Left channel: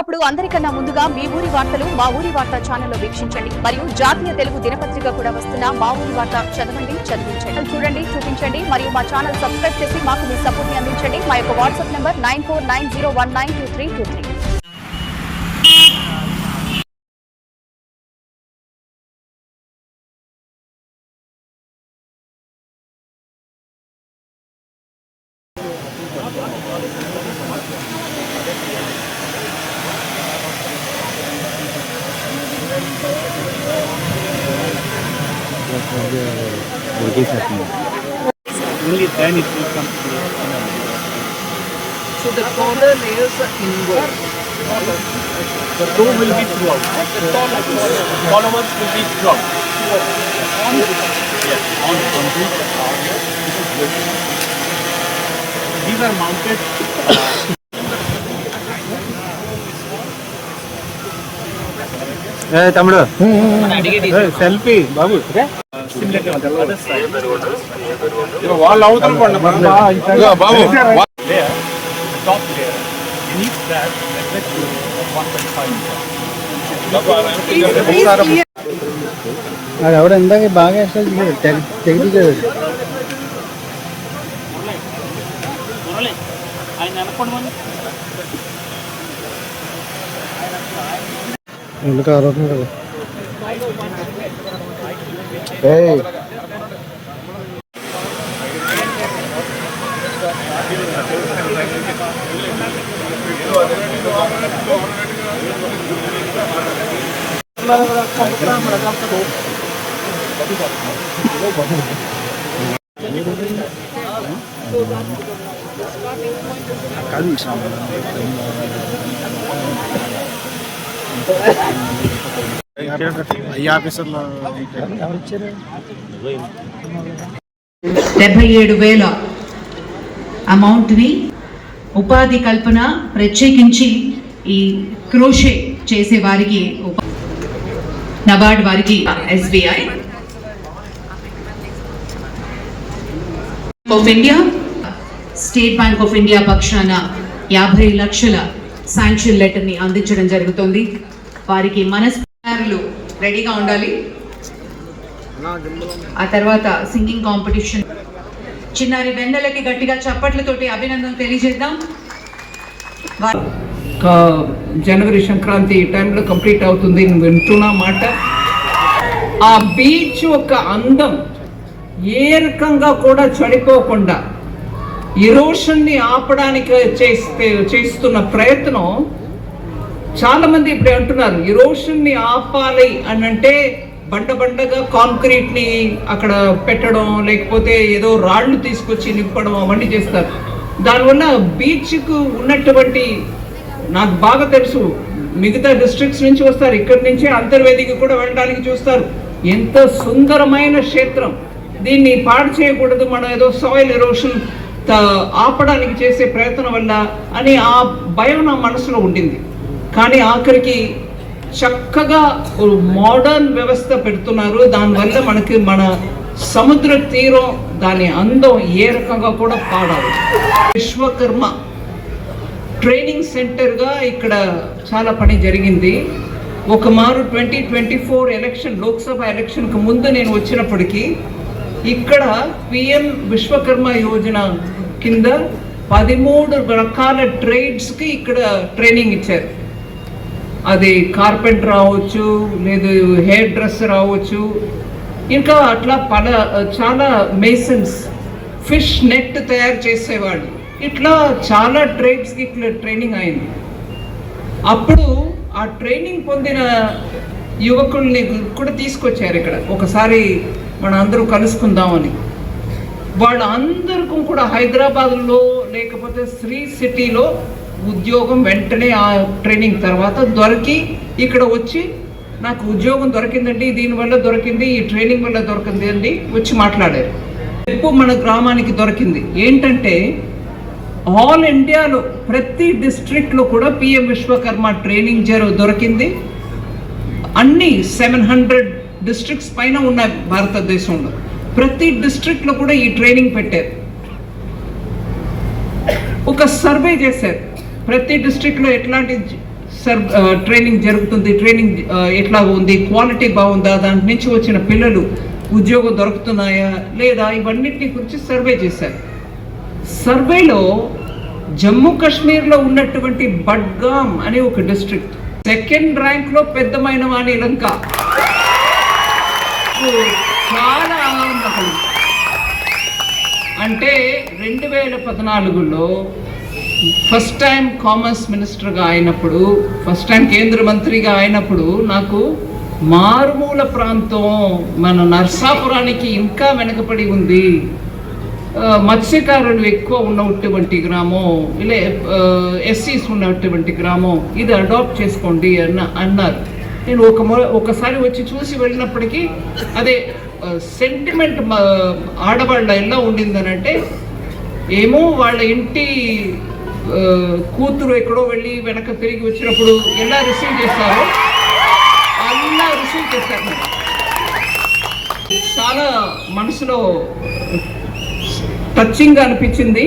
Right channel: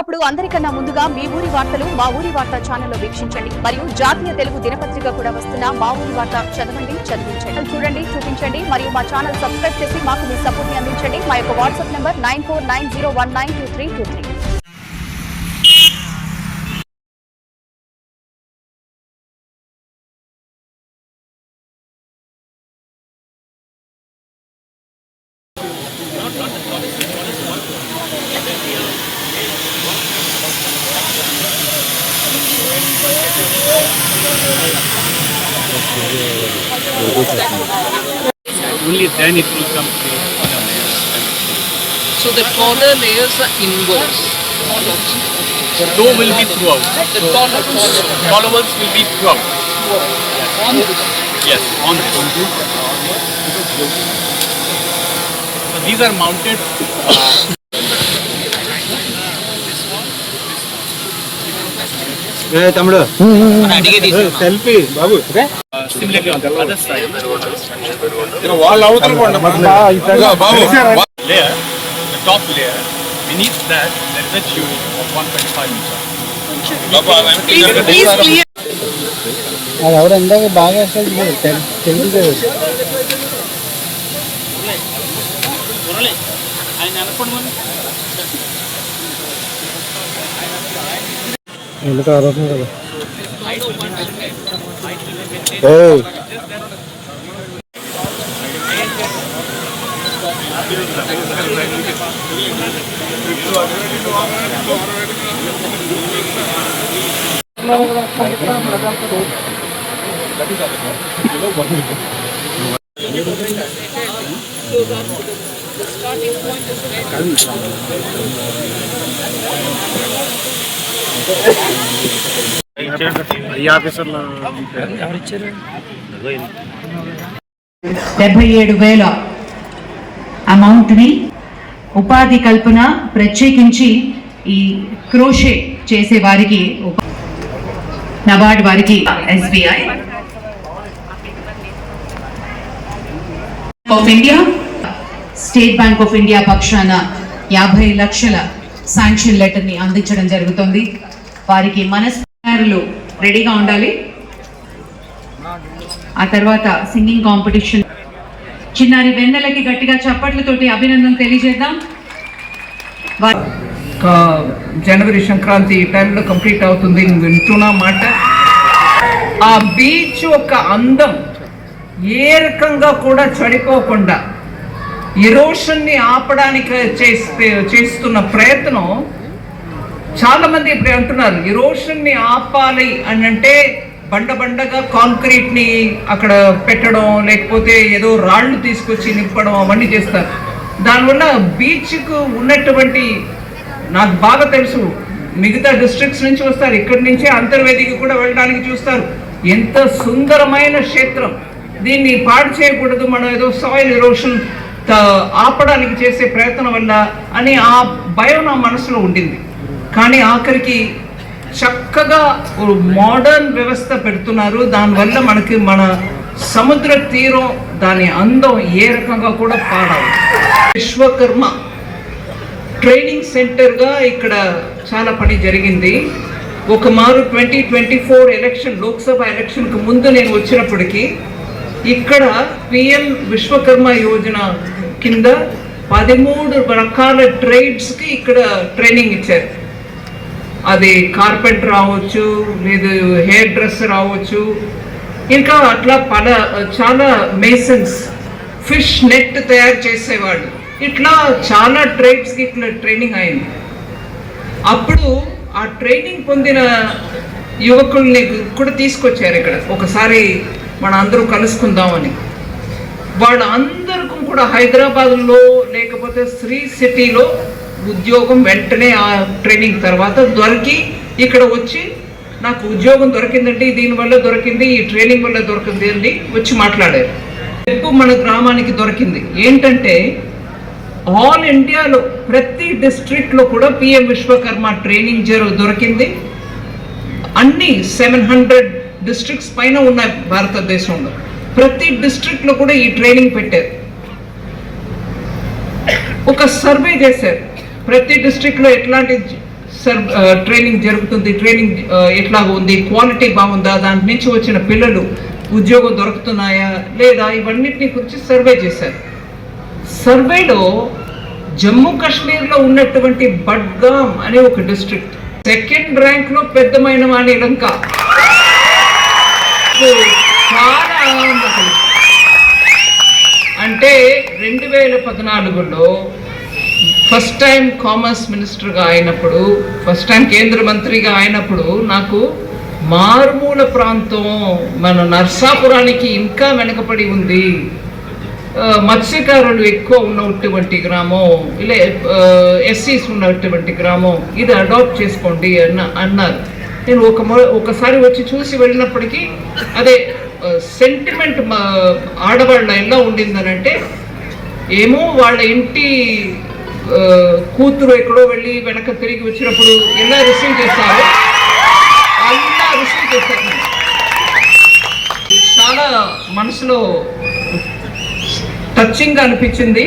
అప్పుడు అందరికన్నా ముందుగా మీ ఊరి వార్తలు మా ఊరి వార్త ఛానల్లో వీక్షించండి మరియు జాతీయ తెలుగు దినపత్రిక కూడా వస్తున్న మా ఊరి వార్త చదవండి చదివించండి చూడండి చూపించండి మరియు మా ఛానల్ సబ్స్క్రైబ్ చేసి మాకు మీ సపోర్ట్ ని అందించండి మా యొక్క WhatsApp number 9490192323 Only then it will come to the inner layers. So the taller layers are inwards. The toe will be throughout. The taller ones will be throughout. Yes. On this. Yes, on this. So these are mounted. తమ్ముడు selfie Babu Similarly on the other side. వాళ్ళు అవుతారు Layer, the top layer, beneath that there is a tube of 125 meters. అది ఎవడ ఇందాక బాగా అసలు తెగిది ఎందుకు ఆరోపణ కదా అమౌంట్ ని ఉపాధి కల్పన ప్రత్యేకించి ఈ క్రోషే చేసే వారికి నబార్డ్ వారికి SBI of India state bank of India పక్షాన 50 లక్షల శాంక్షన్ లెటర్ ని అందించడం జరుగుతుంది. వారికి మనస్ఫూర్తిగా రెడీగా ఉండాలి. ఆ తర్వాత సింగింగ్ కాంపిటీషన్ చిన్నారి వెన్నెలకి గట్టిగా చప్పట్లతోటి అభినందన తెలియజేద్దాం. జనవరి సంక్రాంతి టైంలో కంప్లీట్ అవుతుంది వింటున్నా మాట. ఆ బీచ్ ఒక అందం ఏ రకంగా కూడా చెడిపోకుండా ఎరోషన్ని ఆపడానికి చేస్తున్న ప్రయత్నం చాలా మంది ఇప్పుడు అంటున్నారు ఎరోషన్ని ఆపాలి అని అంటే బండగా కాంక్రీట్ ని అక్కడ పెట్టడం లేకపోతే ఏదో రాళ్లు తీసుకొచ్చి నింపడం అవన్నీ చేస్తారు. దానివల్ల బీచ్ కు ఉన్నటువంటి నాకు బాగా తెలుసు మిగతా డిస్ట్రిక్ట్స్ నుంచి వస్తారు, ఇక్కడి నుంచే అంతర్వేదికి కూడా వెళ్ళడానికి చూస్తారు. ఎంత సుందరమైన క్షేత్రం, దీన్ని పాడు చేయకూడదు, మనం ఏదో సాయిల్ ఎరోషన్ ఆపడానికి చేసే ప్రయత్నం వల్ల అని ఆ భయం నా మనసులో ఉండింది. కానీ ఆఖరికి చక్కగా మోడర్న్ వ్యవస్థ పెడుతున్నారు. దానివల్ల మనకి మన సముద్ర తీరం దాని అందం ఏ రకంగా కూడా పాడాలి. విశ్వకర్మ ట్రైనింగ్ సెంటర్గా ఇక్కడ చాలా పని జరిగింది. ఒక మారు 2024 ఎలక్షన్ లోక్సభ ఎలక్షన్కు ముందు నేను వచ్చినప్పటికీ ఇక్కడ PM విశ్వకర్మ యోజన కింద 13 రకాల ట్రేడ్స్కి ఇక్కడ ట్రైనింగ్ ఇచ్చారు. అది కార్పెంటర్ అవ్వచ్చు, లేదు హెయిర్ డ్రెస్సర్ అవ్వచ్చు, ఇంకా అట్లా చాలా మేసన్స్, ఫిష్ నెట్ తయారు చేసేవాడు, ఇట్లా చాలా ట్రేడ్స్కి ఇట్లా ట్రైనింగ్ అయింది. అప్పుడు ఆ ట్రైనింగ్ పొందిన యువకుల్ని కూడా తీసుకొచ్చారు ఇక్కడ, ఒకసారి మన అందరూ కలుసుకుందామని. వాళ్ళందరికీ కూడా హైదరాబాద్లో లేకపోతే శ్రీ సిటీలో ఉద్యోగం వెంటనే ఆ ట్రైనింగ్ తర్వాత దొరికి ఇక్కడ వచ్చి నాకు ఉద్యోగం దొరికిందండి, దీనివల్ల దొరికింది, ఈ ట్రైనింగ్ వల్ల దొరికింది అండి వచ్చి మాట్లాడారు. రేపు మన గ్రామానికి దొరికింది ఏంటంటే ఆల్ ఇండియాలో ప్రతి డిస్ట్రిక్ట్లో కూడా PM విశ్వకర్మ ట్రైనింగ్ దొరికింది. అన్ని 700 డిస్ట్రిక్ట్స్ పైన ఉన్నాయి భారతదేశంలో. ప్రతి డిస్ట్రిక్ట్లో కూడా ఈ ట్రైనింగ్ పెట్టారు. ఒక సర్వే చేశారు ప్రతి డిస్ట్రిక్ట్లో ఎట్లాంటి ట్రైనింగ్ జరుగుతుంది, ట్రైనింగ్ ఎట్లాగా ఉంది, క్వాలిటీ బాగుందా, దాని నుంచి వచ్చిన పిల్లలు ఉద్యోగం దొరుకుతున్నాయా లేదా, ఇవన్నిటిని గురించి సర్వే చేశారు. సర్వేలో జమ్మూ కాశ్మీర్లో ఉన్నటువంటి బడ్గామ్ అనే ఒక డిస్ట్రిక్ట్ సెకండ్ ర్యాంక్లో పెద్దమైన వాణి లంక. చాలా ఆనందం కలిగింది. అంటే 2014లో ఫస్ట్ టైం కామర్స్ మినిస్టర్గా అయినప్పుడు, ఫస్ట్ టైం కేంద్ర మంత్రిగా అయినప్పుడు నాకు మారుమూల ప్రాంతం మన నర్సాపురానికి ఇంకా వెనకబడి ఉంది, మత్స్యకారులు ఎక్కువ ఉన్నటువంటి గ్రామం, ఇలా ఎస్సీస్ ఉన్నటువంటి గ్రామం, ఇది అడాప్ట్ చేసుకోండి అన్నారు. నేను ఒకసారి వచ్చి చూసి వెళ్ళినప్పటికీ అదే సెంటిమెంట్ ఆడవాళ్ళ ఎలా ఉండిందనంటే, ఏమో వాళ్ళ ఇంటి కూతురు ఎక్కడో వెళ్ళి వెనక తిరిగి వచ్చినప్పుడు ఎలా రిసీవ్ చేస్తారో అలా రిసీవ్ చేస్తారు. చాలా మనసులో టచింగ్ అనిపించింది.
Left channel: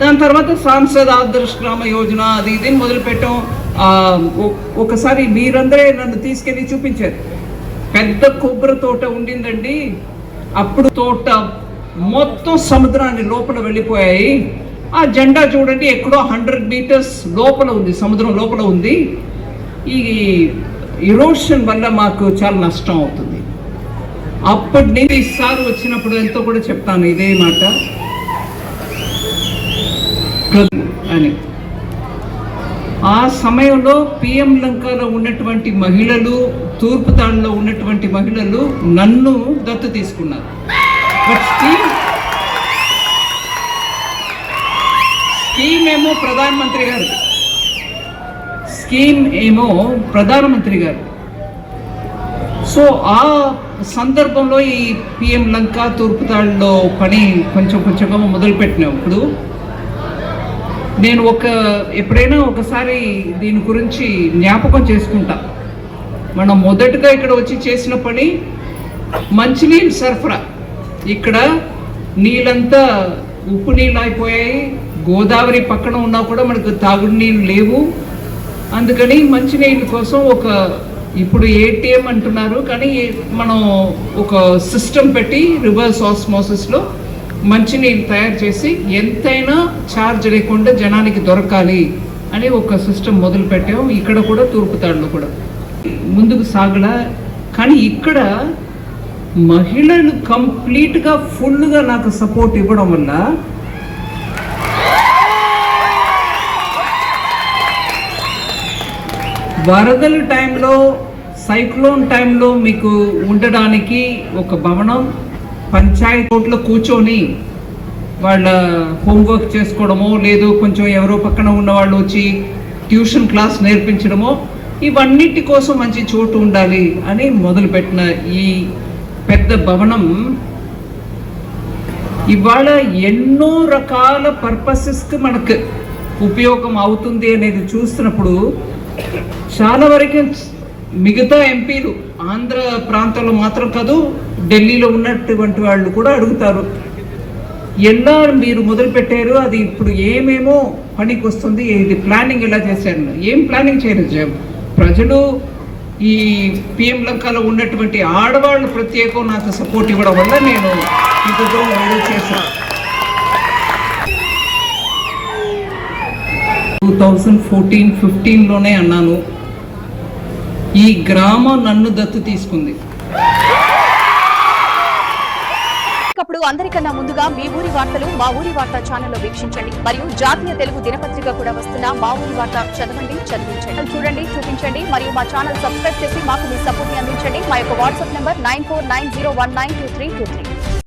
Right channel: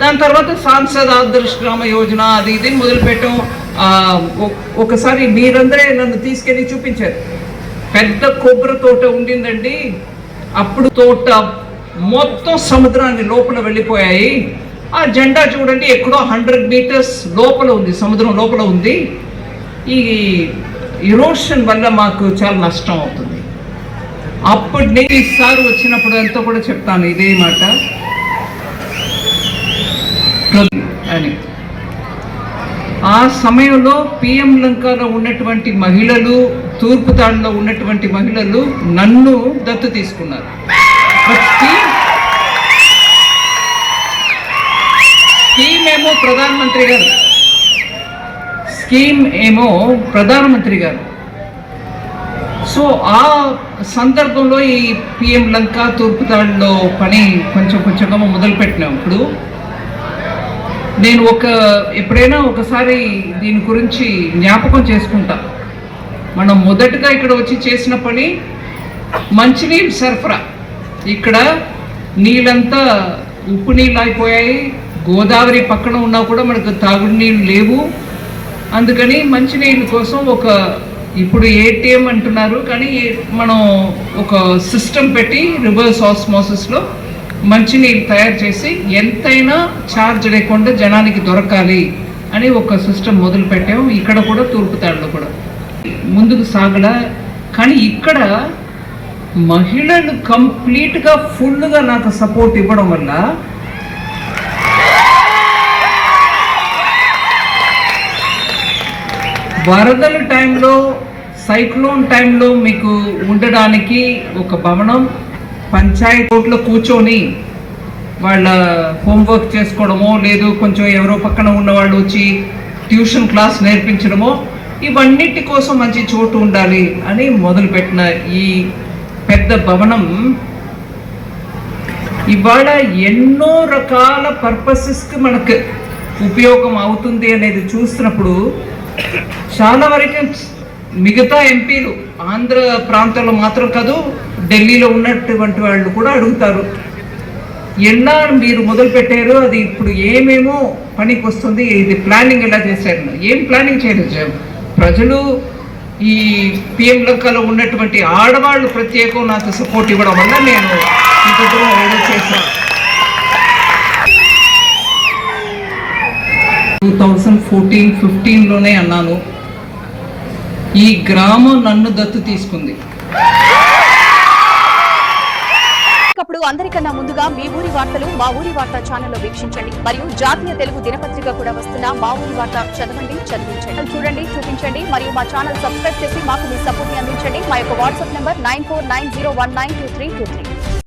దాని తర్వాత సాంసద్ ఆదర్శ్ గ్రామ యోజన అది ఇది మొదలుపెట్టాం. ఒకసారి మీరందరే నన్ను తీసుకెళ్ళి చూపించారు. పెద్ద కొబ్బరి తోట ఉండిందండి, అప్పుడు తోట మొత్తం సముద్రాన్ని లోపల వెళ్ళిపోయాయి. ఆ జెండా చూడండి ఎక్కడో 100 మీటర్స్ లోపల ఉంది, సముద్రం లోపల ఉంది. ఈ ఇరోషన్ వల్ల మాకు చాలా నష్టం అవుతుంది. అప్పటి నుంచి ఈసారి వచ్చినప్పుడు అంతా కూడా చెప్తాను ఇదే మాట అని. ఆ సమయంలో పిఎం లంకలో ఉన్నటువంటి మహిళలు, తూర్పు తాడులో ఉన్నటువంటి మహిళలు నన్ను దత్తు తీసుకున్నారు. స్కీమ్ ఏమో ప్రధానమంత్రి గారు. సో ఆ సందర్భంలో ఈ పిఎం లంక తూర్పు తాడులో పని కొంచెంగా మొదలుపెట్టినాం. ఇప్పుడు నేను ఎప్పుడైనా ఒకసారి దీని గురించి జ్ఞాపకం చేసుకుంటా. మనం మొదటగా ఇక్కడ వచ్చి చేసిన పని మంచినీళ్ళు సరఫరా. ఇక్కడ నీళ్ళంతా ఉప్పు నీళ్ళు అయిపోయాయి, గోదావరి పక్కన ఉన్నా కూడా మనకు తాగుడు నీళ్ళు లేవు. అందుకని మంచినీళ్ళ కోసం ఇప్పుడు ఏటీఎం అంటున్నారు, కానీ మనం ఒక సిస్టమ్ పెట్టి రివర్స్ ఆస్మోసిస్లో మంచినీళ్ళు తయారు చేసి ఎంతైనా ఛార్జ్ లేకుండా జనానికి దొరకాలి అని ఒక సిస్టమ్ మొదలు పెట్టాము. ఇక్కడ కూడా తూర్పు తాడులో కూడా ముందుకు సాగలా. కానీ ఇక్కడ మహిళలు కంప్లీట్గా ఫుల్గా నాకు సపోర్ట్ ఇవ్వడం వల్ల వరదల టైంలో, సైక్లోన్ టైంలో మీకు ఉండడానికి ఒక భవనం, పంచాయతీలో కూర్చొని వాళ్ళ హోంవర్క్ చేసుకోవడమో, లేదు కొంచెం ఎవరో పక్కన ఉన్నవాళ్ళు వచ్చి ట్యూషన్ క్లాస్ నేర్పించడమో, ఇవన్నిటి కోసం మంచి చోటు ఉండాలి అని మొదలుపెట్టిన ఈ పెద్ద భవనం ఇవాళ ఎన్నో రకాల పర్పసెస్కి మనకు ఉపయోగం అవుతుంది అనేది చూసినప్పుడు చాలా వరకు మిగతా ఎంపీలు ఆంధ్ర ప్రాంతంలో మాత్రం కాదు, ఢిల్లీలో ఉన్నటువంటి వాళ్ళు కూడా అడుగుతారు, ఎలా మీరు మొదలు పెట్టారో అది ఇప్పుడు ఏమేమో పనికి వస్తుంది, ఇది ప్లానింగ్ ఎలా చేశారు, ఏం ప్లానింగ్ చేయలేదు. ప్రజలు ఈ పిఎం లంకలో ఉన్నటువంటి ఆడవాళ్ళు ప్రత్యేకం నాకు సపోర్ట్ ఇవ్వడం వల్ల నేను ఇంత దూరం చేశాను. 2014-15లోనే అన్నాను, ఈ గ్రామం నన్ను దత్తు తీసుకుంది. అప్పుడు అందరికన్నా ముందుగా మీ ఊరి వార్తలు మా ఊరి వార్త ఛానల్లో వీక్షించండి. మరియు జాతీయ తెలుగు దినపత్రిక కూడా వస్తున్న మా ఊరి వార్త చదవండి, చదివించండి, చూడండి, చూపించండి. మరియు మా ఛానల్ సబ్స్క్రైబ్ చేసి మాకు మీ సపోర్ట్ ని అందించండి. మా యొక్క వాట్సాప్ నంబర్ 9490192323.